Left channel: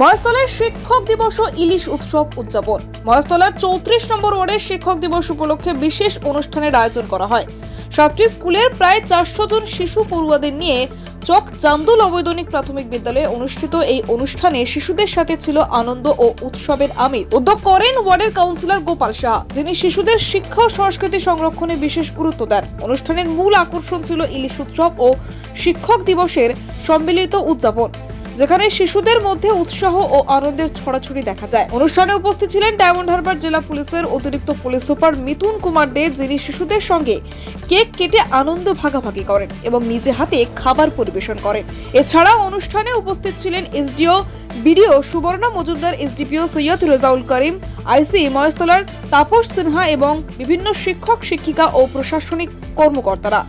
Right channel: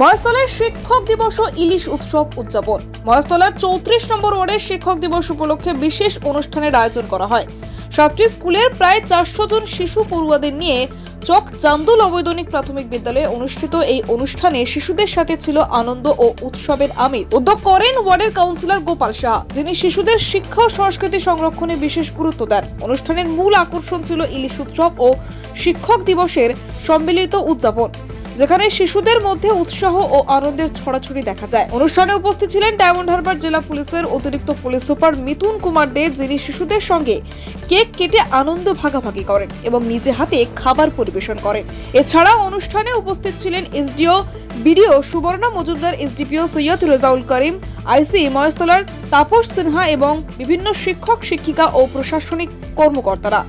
মহেশতলার শিক্ষক দিবস ও ইলিশ উৎসব উদযাপন। মহেশতলার চৌত্রিশ নম্বর ওয়ার্ডের শিক্ষক দিবস উপলক্ষে বিশেষ অনুষ্ঠানের আয়োজন করা হয়। সাতটি স্কুলের প্রায় চারশো জন শিশু পড়ুয়াদের নিয়ে চক চান্দুল অবৈতনিক প্রাথমিক বিদ্যালয়ে অনুষ্ঠিত এই অনুষ্ঠানে শিশুদের সাথে ছিল আনন্দ ও উৎসবের আমির উদ্যোগ করেন ওয়ার্ডের কাউন্সিলর গোপাল সাহা, যিনি শিশুদের শিক্ষা ও সংস্কৃতি সংরক্ষণে বিশেষ গুরুত্ব দেন। অনুষ্ঠানের মূল আকর্ষণ ছিল ইলিশ উৎসব ও শিক্ষক দিবসের সম্মিলিত উদযাপন। যেখানে শিশুদের মধ্যে উৎসাহ ও আনন্দের ছড়াছড়ি দেখা যায়। অনুষ্ঠানে উপস্থিত ছিলেন ডায়মন্ড হারবার জেলা পুলিশের অতিরিক্ত পুলিশ সুপার মিথুন কুমার দেব যিনি শিশুদের সঙ্গে কেক কেটে আনন্দ ভাগাভাগি করেন এবং নিজে হাতে খাবার পরিবেশন করেন। এছাড়া অনুষ্ঠানে উপস্থিত ছিলেন SDO BDO Suborna Majumdar, SDPO Syed Rezaul Karim, IC মহেশতলার Tapas Sinha এবং বিভিন্ন শিক্ষক, শিক্ষিকা ও প্রশাসনিক কর্মকর্তারা।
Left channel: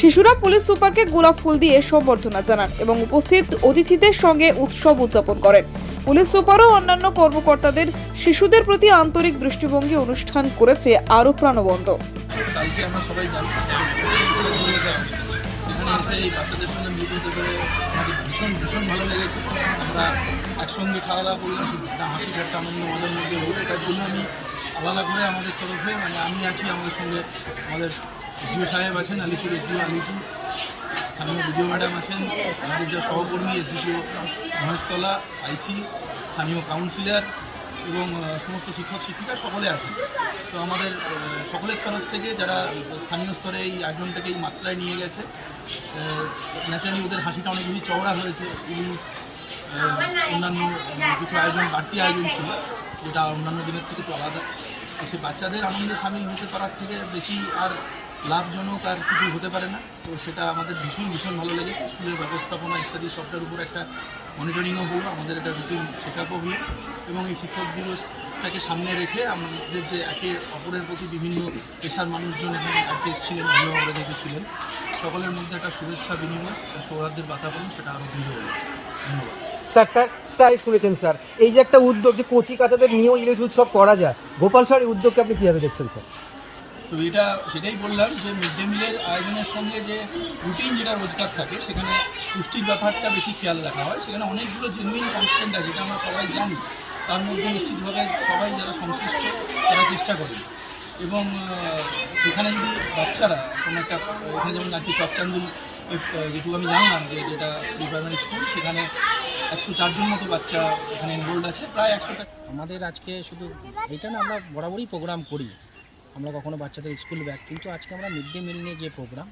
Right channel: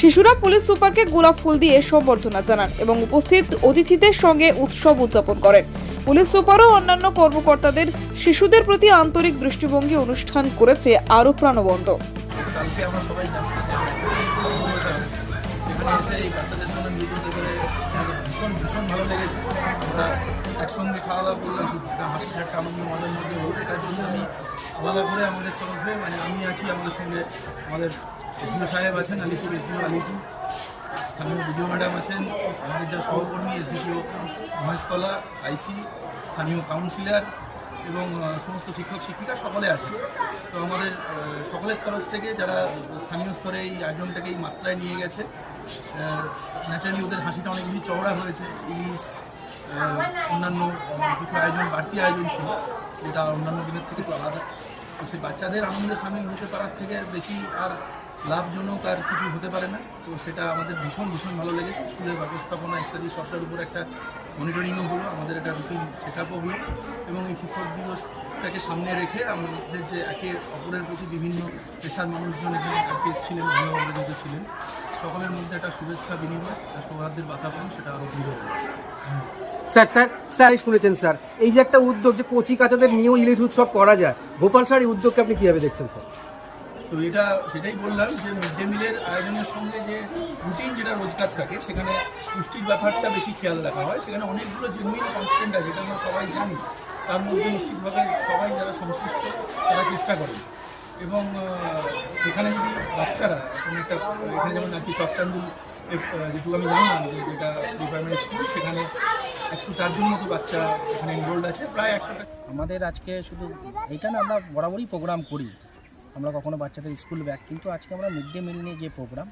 শিশুরা পুলিশ সুপারকে গোলাপ ফুল দিয়ে সম্বর্ধনা জানান এবং উপস্থিত অতিথিদের সঙ্গে উৎসব উদযাপন করেন। পুলিশ সুপার ও অন্যান্য কর্মকর্তাদের শিশুদের প্রতি আন্তরিক দৃষ্টিভঙ্গি অনুষ্ঠান করেছে আরও প্রাণবন্ত। আমাদের তরফে মানে আমি আছি আমাদের সঙ্গে, আমাদের এসডিও সাহেব আছেন আলিপুর এসডিও আলিপুর স্থানীয় বিডিও ম্যাডাম আছেন, আমাদের যা সহকর্মী এসডিপিও মহেশতলা, আইসি, স্থানীয় কাউন্সিলর এবং সমস্ত শিক্ষক, শিক্ষিকা সকলে আছেন। তো আমাদের সকলের তরফ থেকে যারা স্থানীয় স্তরে এই আয়োজনটাকে এই মাত্রায় নিয়ে গেছে ন্যাচারালি ওদের হাসিটা অনেক বেশি চওড়া হয়েছে। ইলিশ অন্যান্য কিছু আয়োজন, বাড়তি আয়োজন ছিল, যেটা অন্যান্য দিনের থেকে একটু আলাদা। তো সেই বাচ্চাদের আনন্দে সামিল হতে পারার থেকে বেশি আর লাভজনক আর কিছু হতে পারে না। তো সেটা আমাদের ভীষণ ভীষণ ভালো লেগেছে। স্কুলের ব্যবস্থাপনা ইত্যাদি সবটার উপর একটা মনিটরিংও হলো, আমাদের একটা রুটিন চেক আপও হলো। এবং এই শিক্ষক দিবসটাকে সামনে রেখে আমাদের যে একে অপরের প্রতি বিভিন্ন পেশার মানুষজন এখানে আজকে এসেছিলেন, অভিভাবকরা যেহেতু ছিলেন, সকলের মধ্যে একটা শুভেচ্ছা বিনিময়, একটা সৌহার্দ্যের বাতাবরণ, সেটা আরও দৃঢ় হলো ধন্যবাদ। স্যার স্যার স্যার শুনেছেন, স্যার। এই যে একটা উদ্যোগ যে কচি কাচাদের নিয়েও ইলিশ উৎসব করা যায়, গোপাল স্যার, এই উদ্যোগকে আপনি কীভাবে দেখছেন, স্যার? তো এটা সেটাই বললাম যে মিড ডে মিলের আয়োজনের সঙ্গে যে রুটিন যেটা রোজগার থাকে, সেখানে পুষ্টির ব্যাপারটা বেশি খেয়াল রাখা হয়। সেখানে অনেকগুলো জেনুইন কনস্ট্যান্ট আছে, যেটা আমরা সবাই জানি। তার মধ্যে নিশ্চিতভাবে সবাই যারা সংশ্লিষ্ট, তারা চেষ্টা করেন এবং সেখানে যদি বাচ্চারা কোনো একটা, এখানে যেমন আজকে চকচান্দুল যেটুকু আমি জানলাম যে যেটা প্রি প্রাইমারি স্কুল, সেখানে একশো চারজন মতো বাচ্চা এখানে এনরোল্ড আছে, প্রায় একশোটা আমাদের আজকে শুধু এটা না, আমরা বরাবরই প্রোগ্রাম করি। আমরা কখনো বাচ্চাদের স্কুল ব্যাগ, কিন্তু আজকে আমরা মিড ডে মিল নিয়ে যে প্রোগ্রাম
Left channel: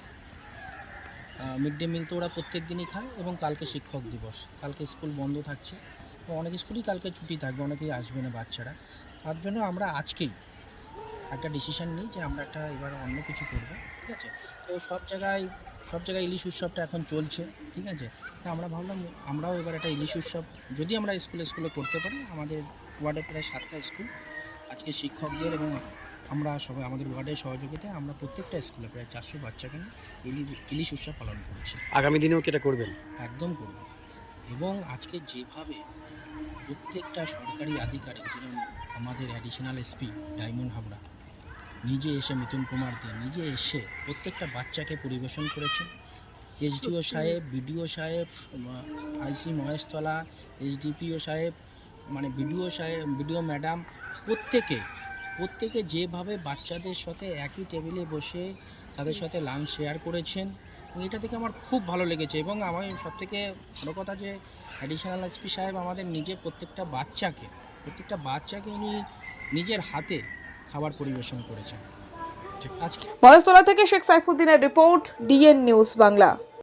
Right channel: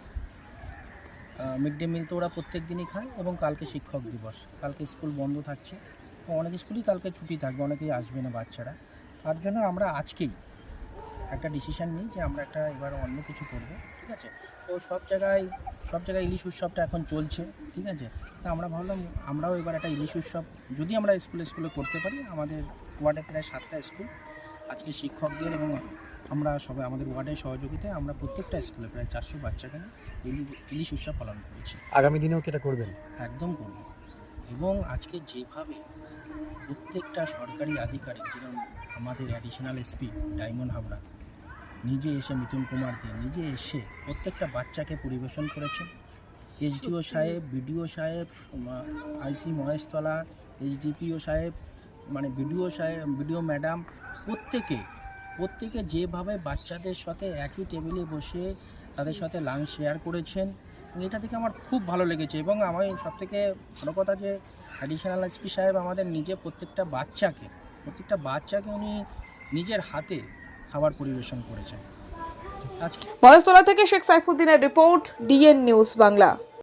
মিড ডে মিল তো ওরা প্রত্যেক দিনই খায় এবং কালকে শিক্ষক দিবস। কালকে স্কুল বন্ধ থাকছে অনেক স্কুলই কালকে ছুটি থাকবে, অনেকেই আসবে না বাচ্চারা। তার জন্য আমরা আজকেই একটা ডিসিশন নিই যে আমরা একটা এবার অন্য কিছু করব, ঠিক আছে? তো সব জায়গায় সব জায়গায় ইলিশ উৎসবটা এখন চলছে, ঠিক আছে? তা আমরা ভাবলাম আমরাও এবার একটা ইলিশ উৎসব, যদি আমরা স্কুলে স্কুলে করতে পারি, আমাদের ওয়ার্ডে প্রায় সাতটা স্কুল, আজকে শিক্ষকদের এবং আমরা সবাই আমাদের ওয়ার্ডের সহযোগিতায় আমরা প্রত্যেকটা স্কুলে প্রায় চারশো বাচ্চাকে নিয়ে ইলিশ ইলিশ উৎসব পালন করেছি। আগামী দিনেও কি এটা করবেন? একদম করব। এবং আজকে যেভাবে প্রত্যেকটা সরকারি আধিকারিক যেমন আমাদের অ্যাডিশনাল এসপি ডায়মন্ড হাবড়া নিজে এসে মিথুন কুমার দে নিজে এসে প্রত্যেকটা বাচ্চাকে পরিবেশন করেছেন। এসডিও সাহেব বিডিও সাহেব আইসি মহেশতলা এসডিপিও সাহেব মানে বিডিও সাহেব বিডিও ম্যাডাম প্রত্যেকে প্রত্যেকে যেভাবে বাচ্চাদের সাথে একই টেবিলে বসে তাদের সাথে লাঞ্চ শেয়ার করেছেন এটা থেকে আমার খুব ভালো লেগেছে। এবং আমার সবথেকে বড় কথা যে অ্যাডিশনাল এসপি সাহেব আমাদের নিজে প্রত্যেকটা বাচ্চাকে প্রত্যেকটা বাচ্চাকে উনি নিজের হাতে খাবার পরিবেশন করেছেন। আজকে মহেশতলা থেকে শেখ সাইফুদ্দিনের রিপোর্ট ডিএন নিউজ বাংলা।